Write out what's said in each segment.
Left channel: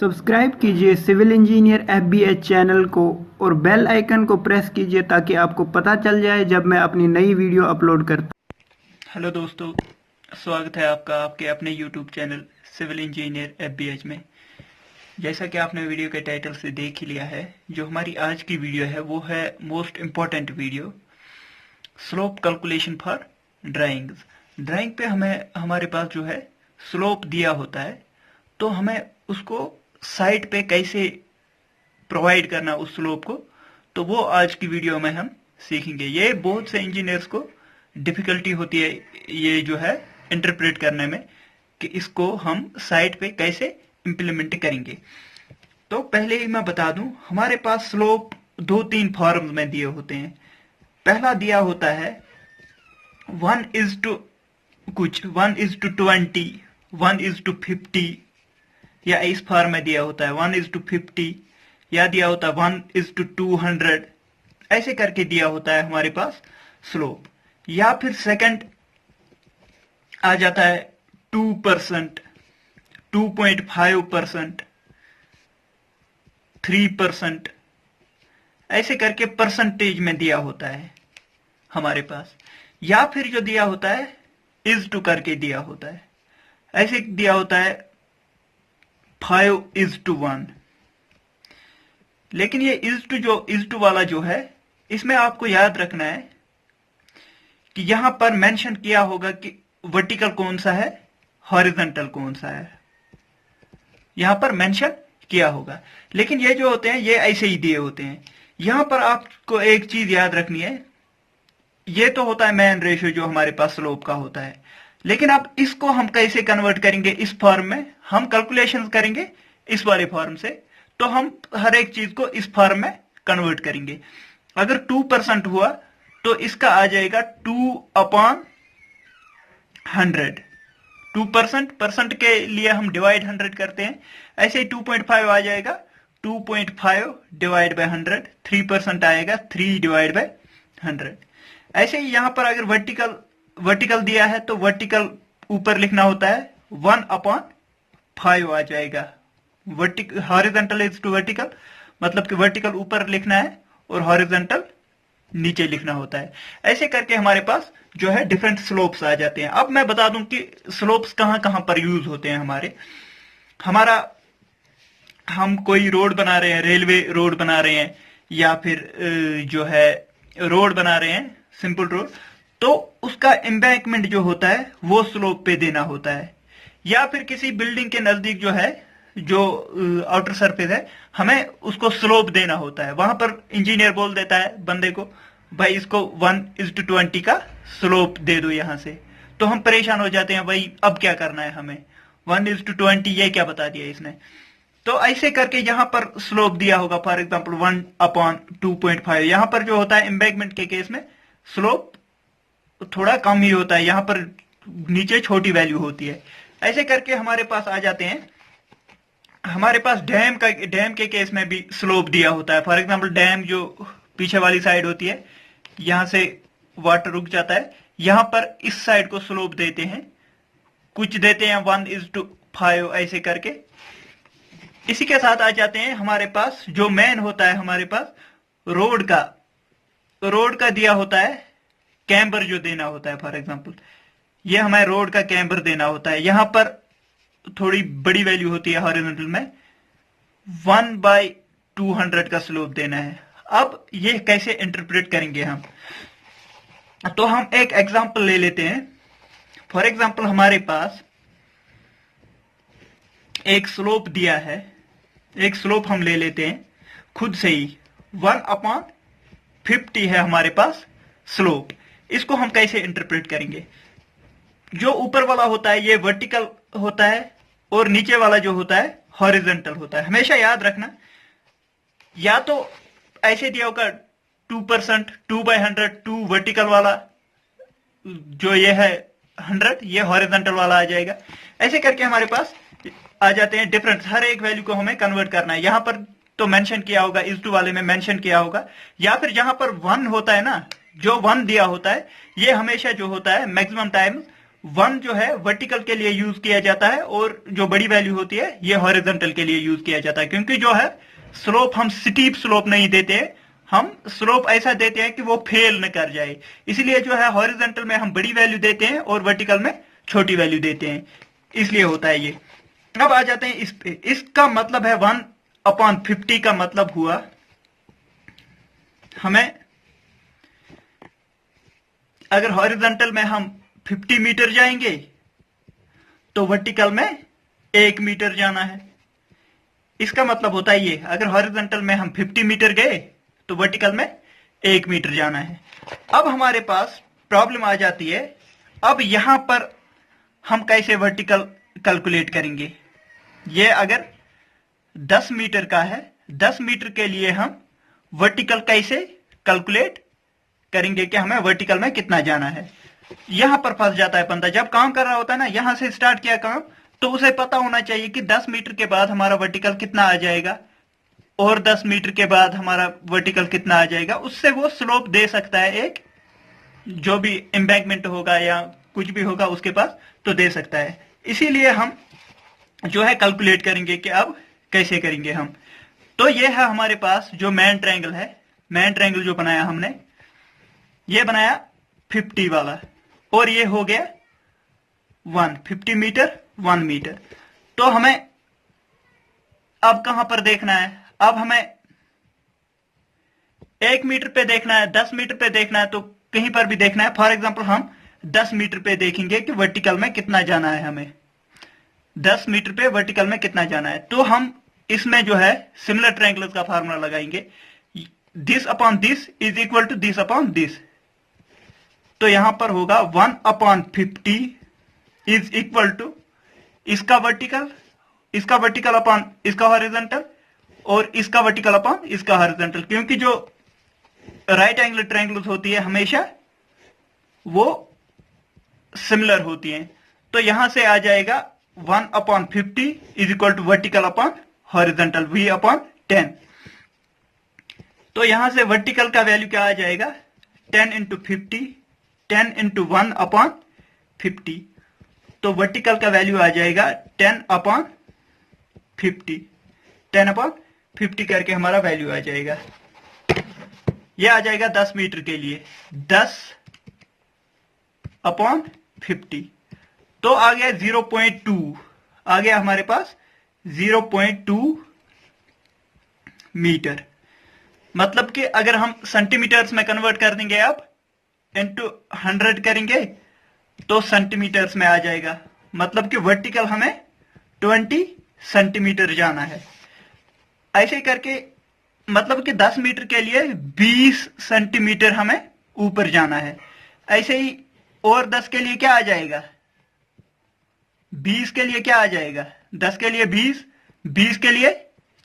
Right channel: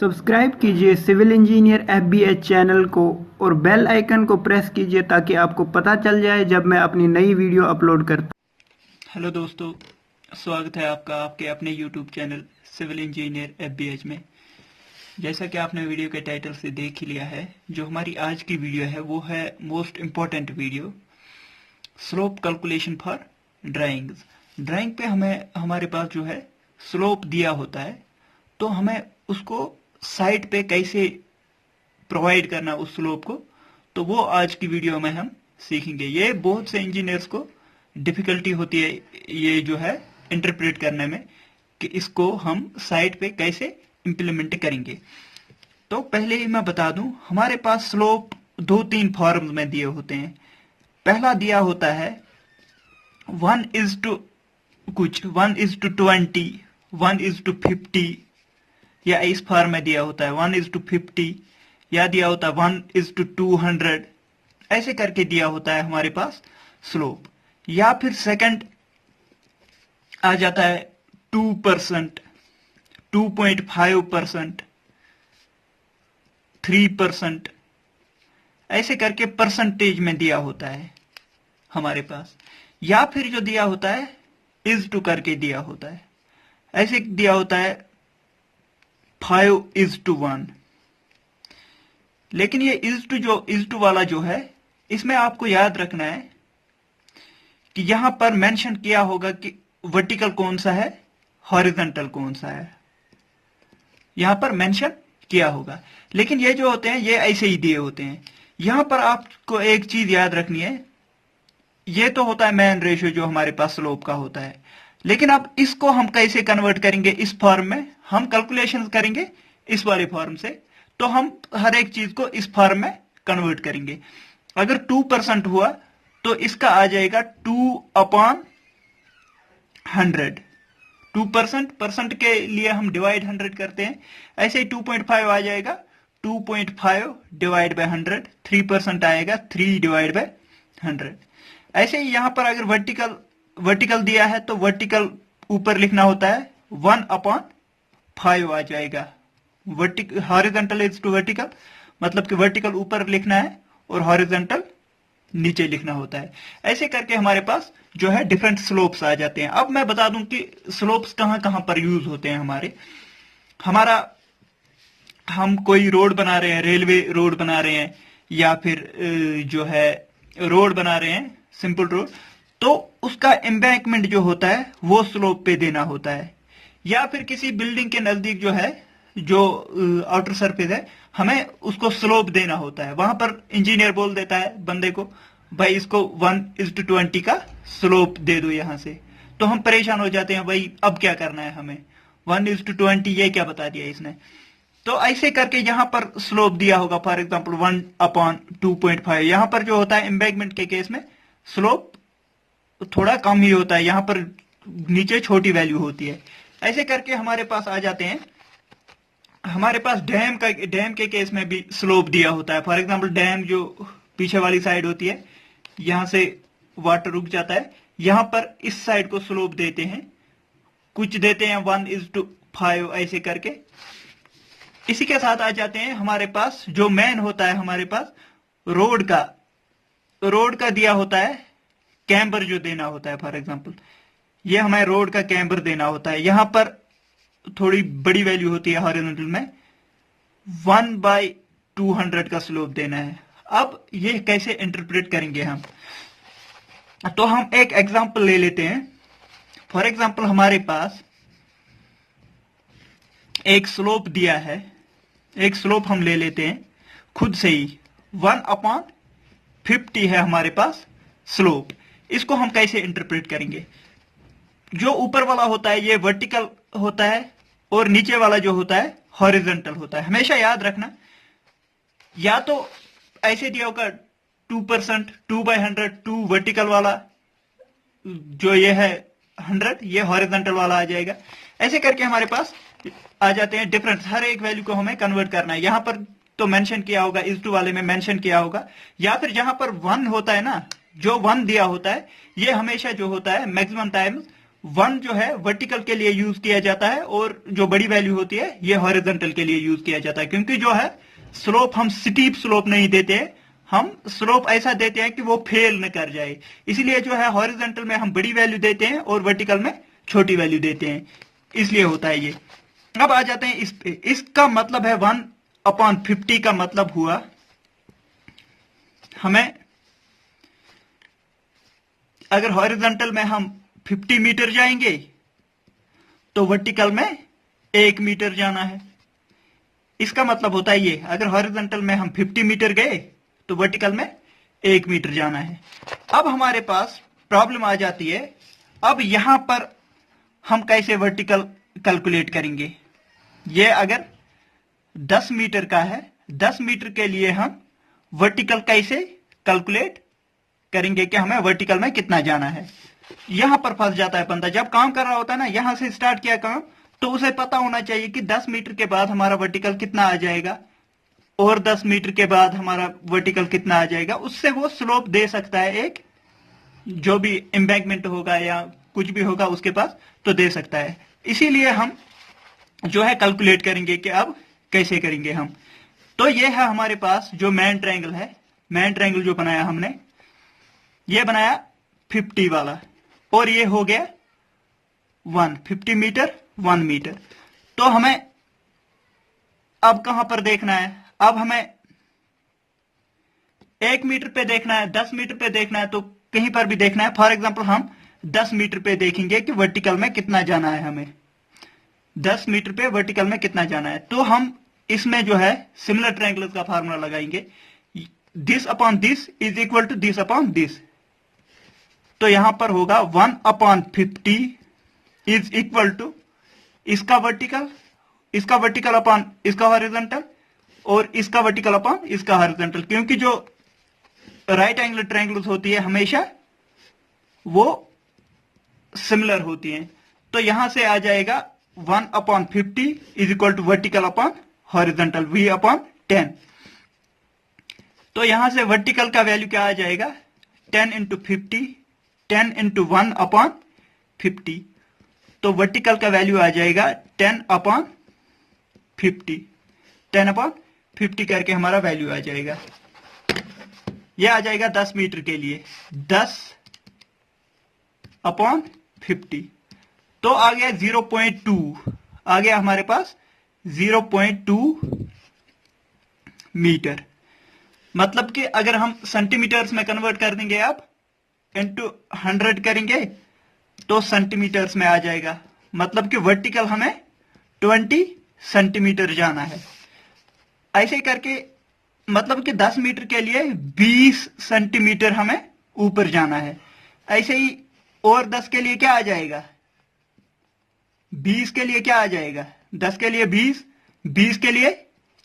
Subscribe कीजिए civil engineer एफबीएच channel को और बेल आइकन को प्रेस कीजिए ताकि आपको पता चल जाए जब मैं अपनी नई वीडियो अपलोड करता। हेलो दोस्तों, स्वागत है आपका आपके अपने यूट्यूब चैनल सिविल इंजीनियर एफबीएच में। जैसा कि आपने वीडियो के टाइटल से देख ही लिया है, जो हमारी आज की वीडियो है वो है most important video, slope calculation for drawings. Drawing पे हमारे पास जो है स्लोप दिया होता है, तो हमें उसको साइट पे कैसे प्रोवाइड करना उस स्लोप को, तो वो आज की वीडियो में हम सीखेंगे। ये बहुत से इंजीनियर्स को डिफिकल्टी होती है ये जो है इंटरप्रेट करने में कि इसको हम साइट पे कैसे इंप्लीमेंट करेंगे। तो पहले ही मैं बता दूं, हमारे पास स्लोप दो तीन फॉर्म में दिए होते हैं। पहला दिया होता है 1:20, 1:20, 1:50, या इस फॉर्म में दिया होता है 1:50, या दिया होता है 1:200, ऐसे करके दिया होता है हमारे पास स्लोप। या फिर सेकंड आ जाता है 2%, 2.5%, 3%, ऐसे करके परसेंटेज में दिया होता है हमारे पास। या फिर जो दिया होता है इज टू करके दिया होता है, ऐसे दिया होता है 5:1। लेकिन ये इज टू वाला जो है, इसमें आपको याद रखना है कि यहां पर मेंशन किया होगा कि वर्टिकल कौन सा है, हॉरिजॉन्टल कौन सा है, यहां पर मेंशन किया होगा। लेकिन ये जो होते हैं ये ऐसे ही दिए होते हैं। यहां पर आपको एक चीज याद रखनी है, ये तो होता है मेन रेशियो जो हमारे पास स्लोप का होता है। लेकिन अब इसको हम कैसे कन्वर्ट करेंगे इस फॉर्म में, हम कैलकुलेशन करेंगे इस वाले फॉर्म से, तो हम हर एक चीज को इस फॉर्म में कन्वर्ट करेंगे। अगर 2% हुआ तो इसका आ जाएगा 2/100। 2% के लिए हम डिवाइड 100 करते हैं, ऐसे ही 2.5 आ जाएगा 2.5 डिवाइड बाय 100, 3% आएगा 3 डिवाइड बाय 100। ऐसे ही यहां पर अगर वर्टिकल दिया है तो वर्टिकल ऊपर लिखना होता है 1/5 आ जाएगा। हॉरिजॉन्टल इज टू वर्टिकल, मतलब कि वर्टिकल ऊपर लिखना है और हॉरिजॉन्टल नीचे लिखना होता है। ऐसे करके हमारे पास जो है डिफरेंट स्लोप्स आ जाते हैं। अब मैं बता दूं कि स्लोप्स कहां कहां पर यूज होते हैं हम कोई रोड बना रहे हैं, रेलवे रोड बना रहे हैं, या फिर जो है रोड बना रहे हैं, सिंपल रोड, तो उसका एम्बैंकमेंट जो होता है वो स्लोप पे देना होता है। या फिर किसी बिल्डिंग के नजदीक जो है, जो आउटर सरफेस है, हमें उसको स्लोप देना होता है। वहां पर इंजीनियर बोल देता है बंदे को, भाई इसको 1:20 का स्लोप दे दो यहां से। तो हम परेशान हो जाते हैं, भाई अब क्या करना है हमें, 1:20 ये क्या बता दिया इसने। तो ऐसे करके यहां पर स्लोप दिया होगा, फॉर एग्जाम्पल 1/2.5। यहां पर जो होता है एम्बैंकमेंट के केस में स्लोप थोड़ा कम ही होता है, यहां पर नीचे छोटी वैल्यू होती है। ऐसे करके हमारे पास आ जाते हैं, हमारे पास डैम के केस में भी स्लोप दिया होता है। फॉर एग्जांपल डैम जो पीछे वाली साइड होती है, यहां से वाटर रुक जाता है, यहां पर इस साइड को स्लोप देते हैं, कुछ देते हैं 1:5 ऐसे करके। इसी के साथ आ जाते हैं हमारे पास जो मेन होता है, हमारे पास रोड का दिया होता है, कैम्बर जो देना होता है। फॉर एग्जांपल ये हमें रोड का कैम्बर देना होता है, यहां पर थोड़ी बड़ी वैल्यू होती है हॉरिजॉन्टल में, 1/200 का स्लोप देना है। अब ये कैसे इंटरप्रेट करेंगे हम, तो हम एक एग्जांपल ले लेते हैं। फॉर एग्जांपल हमारे पास एक स्लोप दिया है, एक स्लोप हम ले लेते हैं खुद से ही, 1/50 है हमारे पास स्लोप। इसको हम कैसे इंटरप्रेट करेंगे, जो ऊपर वाला होता है ये वर्टिकल होता है और नीचे वाला जो होता है हॉरिजॉन्टल होता है। हमेशा याद रखना, या तो ऐसे दिया होगा 2%, 2/100, 2 वर्टिकल वाला, जो ये है 100, ये हॉरिजॉन्टल वाला आ जाएगा। ऐसे करके हमारे पास आ जाते हैं डिफरेंस, हर एक वैल्यू को हमें कन्वर्ट करना है। यहां पर तो मेंशन किया होगा, इस टू वाले में मेंशन किया होगा, या फिर जहां पर 1 होता है ना, जो 1 दिया होता है, ये हमेशा जो होता है मैक्सिमम टाइम वन जो है वर्टिकल के लिए यूज किया जाता है और जो बड़ी वैल्यू होती है ये हॉरिजॉन्टल के लिए यूज किया जाता है, क्योंकि जो है स्लोप हम स्टीप स्लोप नहीं देते, हम स्लोप ऐसा देते हैं कि वो फेल न कर जाए, इसलिए जो है हॉरिजॉन्टल में हम बड़ी वैल्यू देते हैं और वर्टिकल में छोटी वैल्यू देते हैं, इसलिए होता है ये। अब आ जाते हैं इस पे। इसका मतलब है 1/50 का मतलब हुआ हमें अगर हॉरिजॉन्टल में हम 50 मीटर जाएंगे तो वर्टिकल में 1 मीटर जाना है। इसका मतलब होता है ये, अगर हॉरिजॉन्टल में हम 50 मीटर गए तो वर्टिकल में 1 मीटर जाना है। अब हमारे पास प्रॉब्लम आ जाती है, अब यहां पर हम कैसे वर्टिकल कैलकुलेट करेंगे। ये अगर 10 मीटर का है, 10 मीटर के लिए हम वर्टिकल कैसे कैलकुलेट करेंगे कि हमें वर्टिकल में कितना जाना है। यहां पर फंस जाता है बंदा, जब काम कर रहा होता है ना, यहां से स्टार्ट किया काम, तो उसे पता होना चाहिए कि 10 मीटर के बाद हमारा वर्टिकल कितना आ जाएगा और 10 मीटर के बाद हमारा वर्टिकल कितना आ जाएगा। उससे वो स्लोप दे सकता है, एक जो भी एम्बैंकमेंट होगा या कुछ भी होगा उसके पास, तो दे सकता है। इसीलिए हम जो है कैलकुलेट करेंगे कि अब कैसे करेंगे हम। तो ये है हमारे पास जो मेन ट्रायंगल है, मेन ट्रायंगल जो बनाया हमने, ये बनाया 50 वाला और ये हो गया 50 मीटर 1 मीटर। तो हमें अब कहां पर देखना है, अब हमें 1 मीटर पे देखना है, 10 मीटर पे देखना है, तो कहीं पर भी देखना है। फॉर एग्जांपल हम 10 मीटर पे देखेंगे कि वर्टिकल में कितना जाना है, हमें 10 मीटर पे वर्टिकल में कितना जाना है। तो हम इसमें जो है सिमिलर ट्रायंगल्स का फार्मूला लगाएंगे, this upon this is equal to this upon this. तो यहां पर होगा 1/50 इज इक्वल टू इसका वर्टिकल अपॉन इसका हॉरिजॉन्टल और इसका वर्टिकल अपॉन इसका हॉरिजॉन्टल, क्योंकि जो राइट एंगल ट्रायंगल्स होती है हमेशा वो सिमिलर होती हैं। तो यहां से आ जाएगा 1/50 is equal to vertical upon horizontal V/10। तो यहां से वर्टिकल का वैल्यू क्या आ जाएगा, 10 इंटू 50, 10 इंटू 1/50। तो वर्टिकल का वैल्यू आ जाएगा 10/50, 10/50 करके हमारा वैल्यू आ जाएगा। यह आ जाएगा 10 मीटर के लिए 10/50। तो आ गया 0.2, आ गया हमारे पास 0.2 मीटर। मतलब कि अगर हम सेंटीमीटर्स में कन्वर्ट कर देंगे अब इंटू 100 करेंगे तो सेंटीमीटर्स में आ जाएगा। मतलब कि वर्टिकल हमें 20 सेंटीमीटर जाना है। ऐसे ही करके मतलब कि 10 मीटर के लिए 20 सेंटीमीटर हमें ऊपर जाना है। ऐसे ही और 10 के लिए क्या आ जाएगा, 20 के लिए क्या आ जाएगा, 10 के लिए 20, 20 के लिए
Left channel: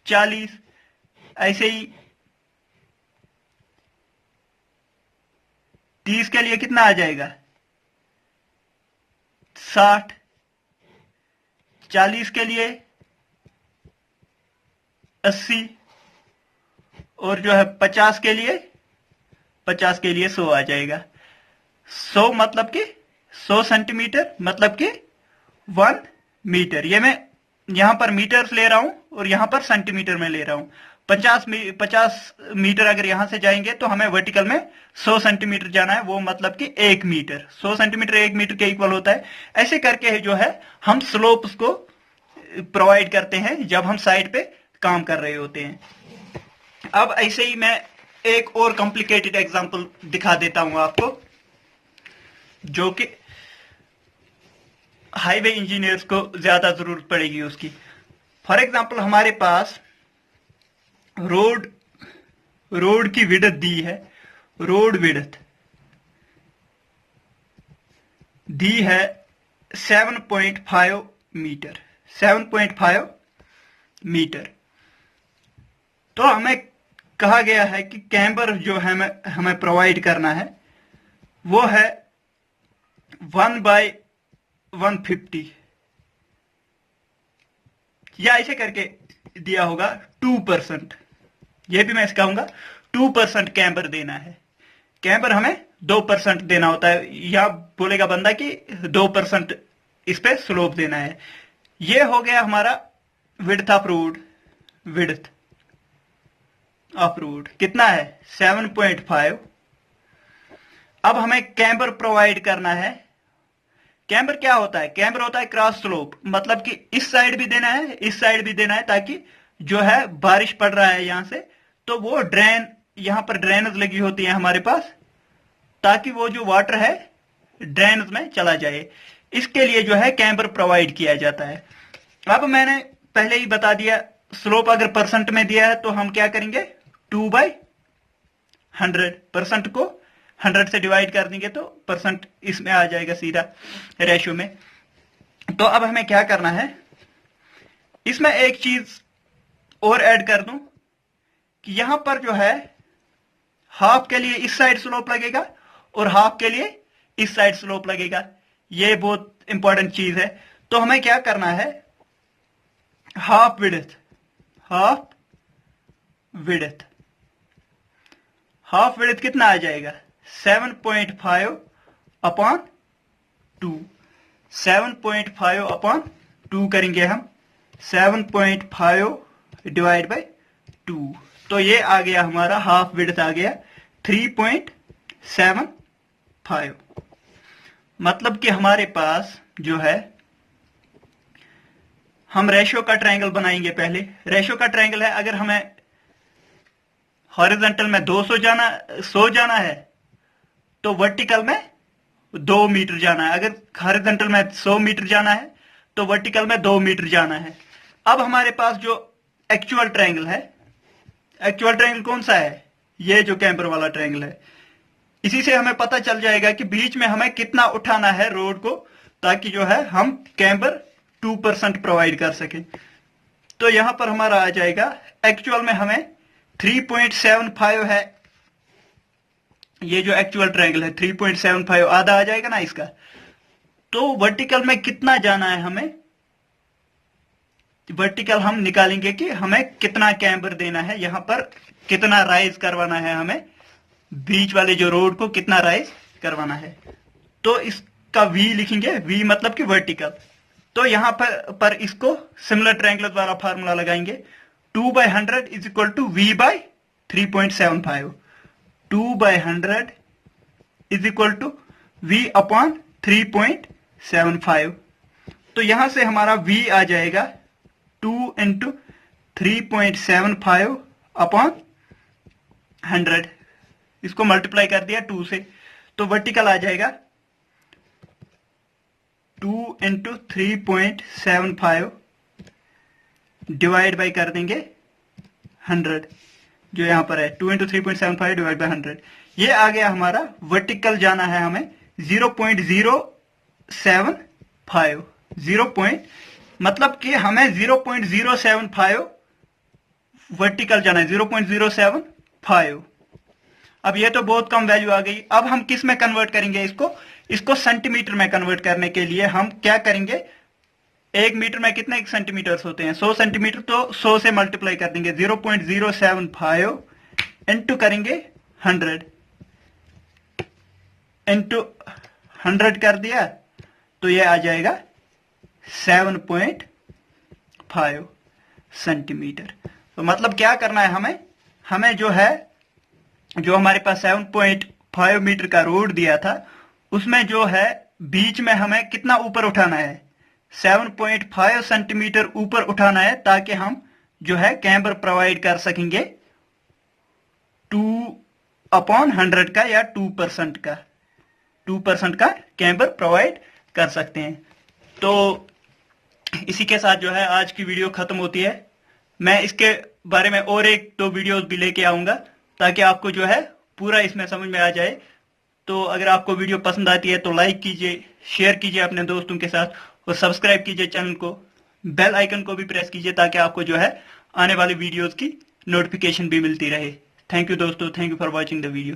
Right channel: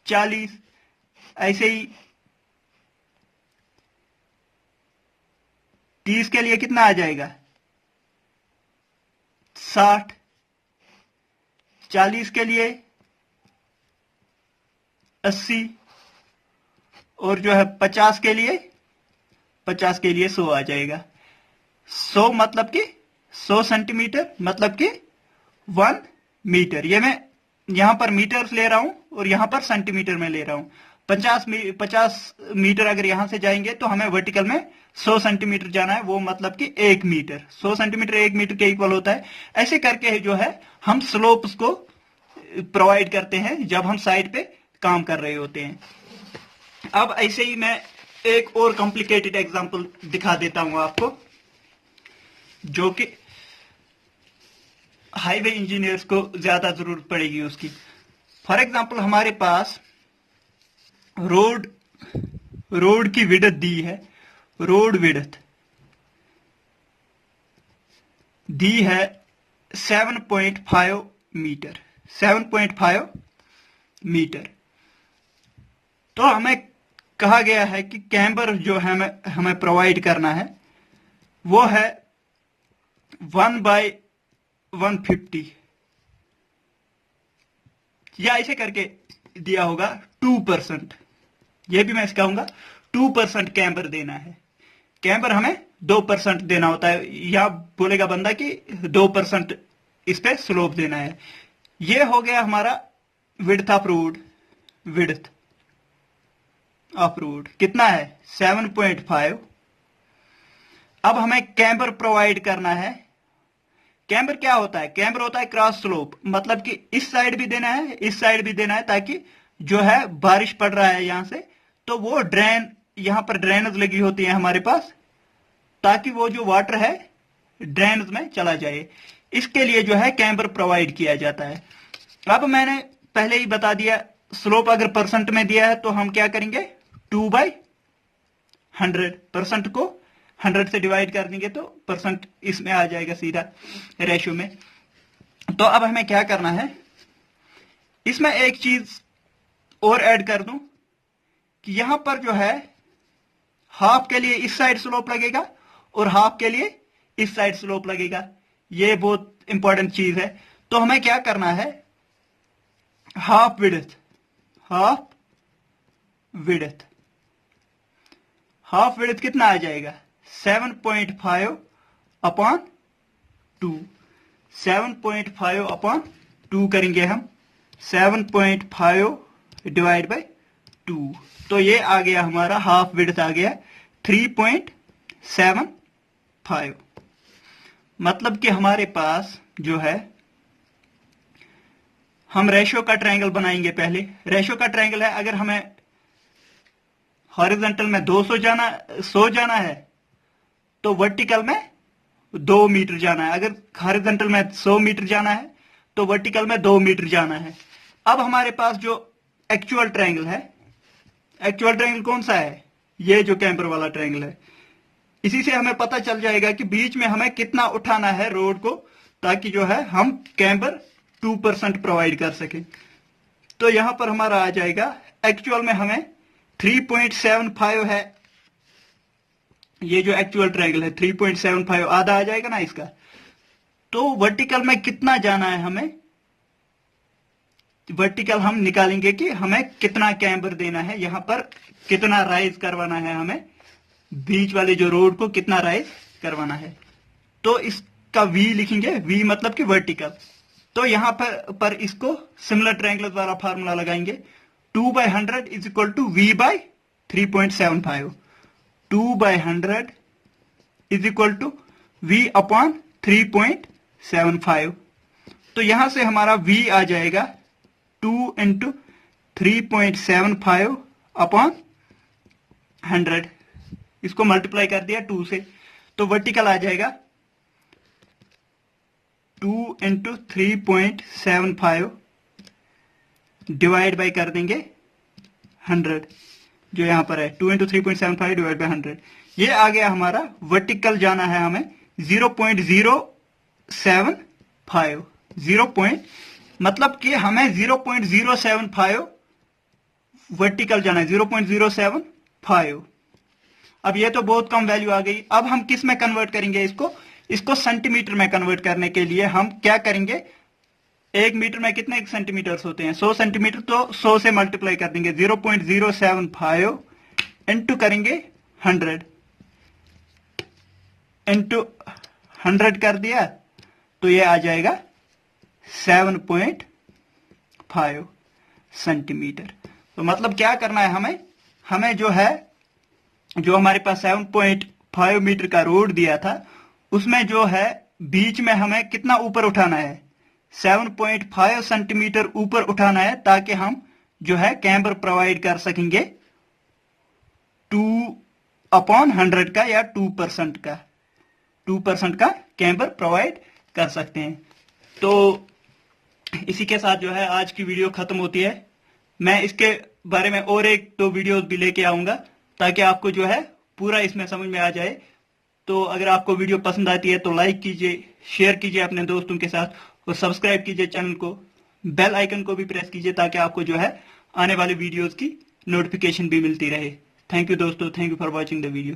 40, ऐसे ही 30 के लिए कितना आ जाएगा 60, 40 के लिए 80 और जो है 50 के लिए 100 आ जाएगा। 100 मतलब कि 100 सेंटीमीटर मतलब कि 1 मीटर। ये मैं यहां पर मीटर्स ले रहा हूं और यहां पर सेंटीमीटर में ले रहा हूं। 50 मीटर अगर यहां से जाएंगे तो हमें वर्टिकल में 100 सेंटीमीटर जाना है, वो मतलब कि 1 मीटर। 100 सेंटीमीटर 1 मीटर के इक्वल होता है। ऐसे करके जो है हम स्लोप्स को प्रोवाइड करते हैं जब हम साइड पे काम कर रहे होते हैं। अब ऐसे ही मैं एक और कॉम्प्लिकेटेड एग्जांपल दिखा देता हूं आपको, जो कि हाईवे इंजीनियर्स को ज्यादा जरूरत पड़ेगी उसकी। फॉर एग्जांपल हमारे पास रोड की विड्थ दी है, रोड विड्थ दी है 7.5 मीटर, 7.5 मीटर। तो हमें कहा गया है कि कैम्बर जो है हमें प्रोवाइड करना है वो है 1/150 या ऐसे करके दिया होगा 2%। यह भी मैं कहूंगा 2% कैम्बर देना है। कैम्बर हमें 2% देना होता है, या बोलेगा बंदा कि 2% इस पे स्लोप देना है। ये हो गया हमारा width of road. Width of road कितना है 7.5। अब हमें कैम्बर प्रोवाइड करना है। कैम्बर क्या होता है? कैम्बर होता है क्रॉस स्लोप, मतलब कि इस साइड भी देना है, इस साइड भी देना है, ताकि जो है बारिश पड़ रहा है यहां से तो वो ड्रेन, यहां पर ड्रेनेज लगी होती है हमारे पास, ताकि वो जो वाटर है ड्रेनेज में चला जाए। इसके लिए जो है कैम्बर प्रोवाइड किया जाता है। अब मैंने पहले ही बता दिया, स्लोप अगर परसेंट में दिया है तो हम क्या करेंगे 2/100, परसेंट को 100 से डिवाइड कर देंगे तो परसेंट इसमें आ जाएगा सीधा रेशियो में। तो अब हमें क्या करना है, इसमें एक चीज और ऐड कर दूं कि यहां पर जो है हाफ के लिए इस साइड स्लोप लगेगा और हाफ के लिए इस साइड स्लोप लगेगा। ये बहुत इंपॉर्टेंट चीज है। तो हमें क्या करना है, half width, half width, half width कितना आ जाएगा 7.5/2। 7.5/2 करेंगे हम, 7.5 डिवाइड बाय 2, तो ये आ गया हमारा हाफ विड्थ आ गया 3.75। मतलब कि हमारे पास जो है, हम रेशियो का ट्रायंगल बनाएंगे। पहले रेशियो का ट्रायंगल है, अगर हमें हॉरिजॉन्टल में 100 जाना है तो वर्टिकल में 2 मीटर जाना है। अगर हॉरिजॉन्टल में 100 मीटर जाना है तो वर्टिकल में 2 मीटर जाना है। अब हमारे पास जो एक्चुअल ट्रायंगल है, एक्चुअल ट्रायंगल कौन सा है, ये जो कैम्बर वाला ट्रायंगल है, इसी से हमें पता चल जाएगा कि बीच में हमें कितना उठाना है रोड को, ताकि जो है हम कैम्बर 2% प्रोवाइड कर सके। तो यहां पर हमारा आ जाएगा, एक्चुअल में हमें 3.75 है, ये जो एक्चुअल ट्रायंगल है 3.75 आधा आ जाएगा ना इसका। तो वर्टिकल में कितना जाना है हमें, वर्टिकल हम निकालेंगे कि हमें कितना कैम्बर देना है, यहां पर कितना राइज करवाना है हमें, बीच वाले जो रोड को कितना राइज करवाना है। तो इसका V लिखेंगे, V मतलब कि वर्टिकल। तो यहां पर इसको सिमिलर ट्रायंगल वाला फार्मूला लगाएंगे, 2/100 is equal to V/3.75। 2/100 is equal to V/3.75। तो यहां से हमारा V आ जाएगा 2 × 3.75/100। इसको मल्टीप्लाई कर दिया 2 से, तो वर्टिकल आ जाएगा 2 × 3.75 डिवाइड बाई कर देंगे 100, जो यहां पर है 2 × 3.75 डिवाइड बाई 100। ये आ गया हमारा, वर्टिकल जाना है हमें 0.075, 0. मतलब कि हमें 0.075 वर्टिकल जाना है, 0.075। अब ये तो बहुत कम वैल्यू आ गई। अब हम किस में कन्वर्ट करेंगे इसको सेंटीमीटर में कन्वर्ट करने के लिए हम क्या करेंगे, 1 मीटर में कितने सेंटीमीटर्स होते हैं 100 सेंटीमीटर, तो 100 से मल्टीप्लाई कर देंगे, 0.075 इंटू करेंगे 100, इंटू 100 कर दिया तो ये आ जाएगा 7.5 सेंटीमीटर। तो मतलब क्या करना है हमें जो है, जो हमारे पास 7.5 मीटर का रोड दिया था, उसमें जो है बीच में हमें कितना ऊपर उठाना है, 7.5 सेंटीमीटर ऊपर उठाना है, ताकि हम जो है कैम्बर प्रोवाइड कर सकेंगे 2/100 का या 2% का, 2% का कैम्बर प्रोवाइड कर सकते हैं। तो इसी के साथ जो है आज की वीडियो खत्म होती है। मैं इसके बारे में और 1-2 वीडियोस भी लेके आऊंगा, ताकि आपको जो है पूरा इसमें समझ में आ जाए। तो अगर आपको वीडियो पसंद आती है तो लाइक कीजिए, शेयर कीजिए अपने दोस्तों के साथ, और सब्सक्राइब कीजिए चैनल को, बेल आइकन को भी प्रेस कीजिए, ताकि आपको जो है आने वाली वीडियोस की नोटिफिकेशन भी मिलती रहे। थैंक यू दोस्तों, thank you for watching the video.